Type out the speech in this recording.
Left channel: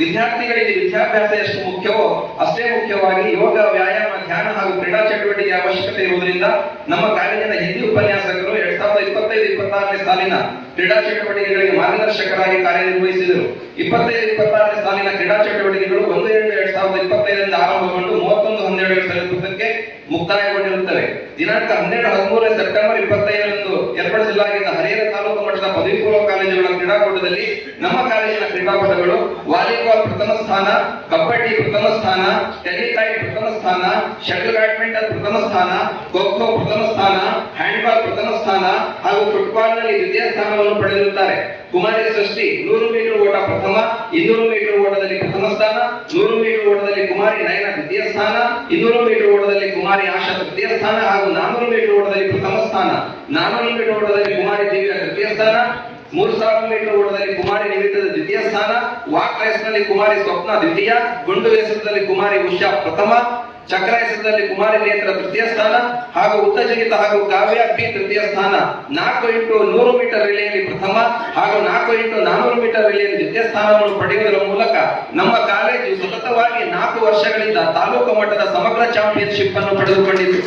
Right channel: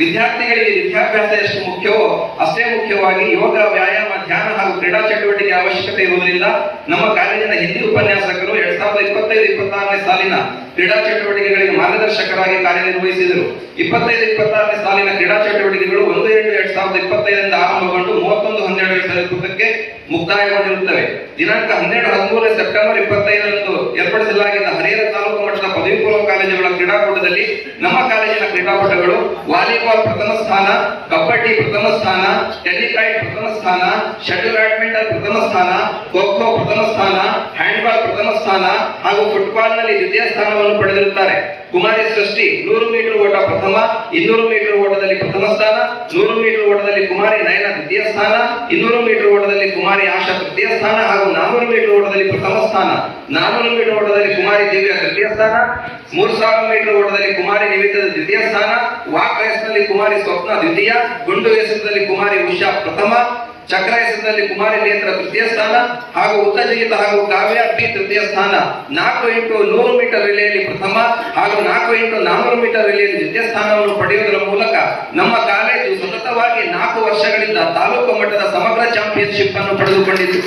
ವಿದ್ಯಾರ್ಥಿಗಳಿಗೆ ವಿದ್ಯಾಭ್ಯಾಸ ಎಷ್ಟು ಮುಖ್ಯವೋ ಅಷ್ಟೇ ಮುಖ್ಯವಾಗಿ ಯೋಗ, ವ್ಯಾಯಾಮ, ಧ್ಯಾನ ಹಾಗೂ ಕ್ರೀಡಾ ಚಟುವಟಿಕೆ ಅವಶ್ಯಕತೆ ಇರುವುದರಿಂದ ನಮ್ಮ ಕಾಲೇಜಿನ ಹಿಂದಿ ಉಪನ್ಯಾಸಕರು 2025-26ನೇ ಸಾಲಿನ ಕ್ರೀಡಾ ಚಟುವಟಿಕೆಗಳಿಗೆ ಮಾರ್ಗದರ್ಶಕರಾಗಿ ಕಾರ್ಯನಿರ್ವಹಿಸಿದರು. 25-26ನೇ ಸಾಲಿನ ಕ್ರೀಡಾ ಚಟುವಟಿಕೆಗಳು 1-7-2025 ಆರಂಭಗೊಂಡು 31-12-2025ಕ್ಕೆ ಮುಕ್ತಾಯಗೊಂಡಿರುತ್ತವೆ. ದಿನಾಂಕ 12-13 ಸೆಪ್ಟೆಂಬರ್ 25ರಂದು ಏರ್ಪಡಿಸಲಾಗಿದ್ದ ಹರಿಹರ ತಾಲೂಕು ಮಟ್ಟದ ಪದವಿ ಪೂರ್ವ ಕಾಲೇಜುಗಳ ಕ್ರೀಡಾಕೂಟದಲ್ಲಿ ನಮ್ಮ ಕಾಲೇಜಿನ ಕ್ರೀಡಾಪಟುಗಳು ವಾಲಿಬಾಲ್ ಪ್ರಥಮ ಸ್ಥಾನ, ಕಬಡ್ಡಿ ಪ್ರಥಮ ಸ್ಥಾನ, ಟೆನಿಕೈಟ್ ಪ್ರಥಮ ಸ್ಥಾನ, ಶಟಲ್ ಬ್ಯಾಡ್ಮಿಂಟನ್ ಪ್ರಥಮ ಸ್ಥಾನ, ಖೋ ಖೋ ಪ್ರಥಮ ಸ್ಥಾನ, ಹ್ಯಾಂಡ್ಬಾಲ್ ಪ್ರಥಮ ಸ್ಥಾನ ಹಾಗೂ ಫುಟ್ಬಾಲ್ ನಲ್ಲಿ ದ್ವಿತೀಯ ಸ್ಥಾನವನ್ನು ಪಡೆದಿರುತ್ತಾರೆ. ಕುಮಾರಿ ಸೃಷ್ಟಿ 100 ಮೀಟರ್ ಓಟ ಪ್ರಥಮ, 200 ಮೀಟರ್ ಓಟದಲ್ಲಿ ಪ್ರಥಮ ಸ್ಥಾನ, 100 ಮೀಟರ್ ಓಟದಲ್ಲಿ ಕುಮಾರಿ ನಯನ ದ್ವಿತೀಯ ಸ್ಥಾನ, 200 ಮೀಟರ್ ಓಟದಲ್ಲಿ ಕುಮಾರಿ ಆಶಾ ತೃತೀಯ ಸ್ಥಾನ ಹಾಗೂ 400 ಮೀಟರ್ ಓಟದಲ್ಲಿ ಪ್ರಥಮ ಸ್ಥಾನ, 400 ಮೀಟರ್ ಓಟದಲ್ಲಿ ಕುಮಾರಿ ದಿವ್ಯ ತೃತೀಯ ಸ್ಥಾನ, 3000 ಮೀಟರ್ ಓಟದಲ್ಲಿ ಕುಮಾರಿ ನಿವೇದಿತ ದ್ವಿತೀಯ ಸ್ಥಾನ, ವಾಕ್ ರೇಸ್ ನಲ್ಲಿ ಕುಮಾರಿ ಸ್ವಪ್ನ ದ್ವಿತೀಯ, ಗುಂಡು ಎಸೆತದಲ್ಲಿ ಕುಮಾರಿ ಉಷಾ ಪ್ರಥಮ, ಚಕ್ರ ಎಸೆತದಲ್ಲಿ ಕುಮಾರಿ ನೇತ್ರ ತೃತೀಯ ಸ್ಥಾನ ಹಾಗೂ ಉದ್ದ ಜಿಗಿತ ಹಾಗೂ ಕಾವ್ಯ ಪಿ ತೃತೀಯ ಸ್ಥಾನ, 4x100 ಮೀಟರ್ ರಿಲೆಯಲ್ಲಿ ಪ್ರಥಮ ಹಾಗೂ 4x400 ಮೀಟರ್ ರಿಲೆಯಲ್ಲಿ ದ್ವಿತೀಯ ಸ್ಥಾನವನ್ನು ಪಡೆಯುವುದರ ಮೂಲಕ ನಮ್ಮ ಕಾಲೇಜು ಸತತವಾಗಿ 4 ವರ್ಷಗಳಿಂದ ತಾಲೂಕು ಮಟ್ಟದ ಸಮಗ್ರ ಚಾಂಪಿಯನ್ಶಿಪ್ ಅನ್ನು ಪಡೆದುಕೊಂಡಿದೆ.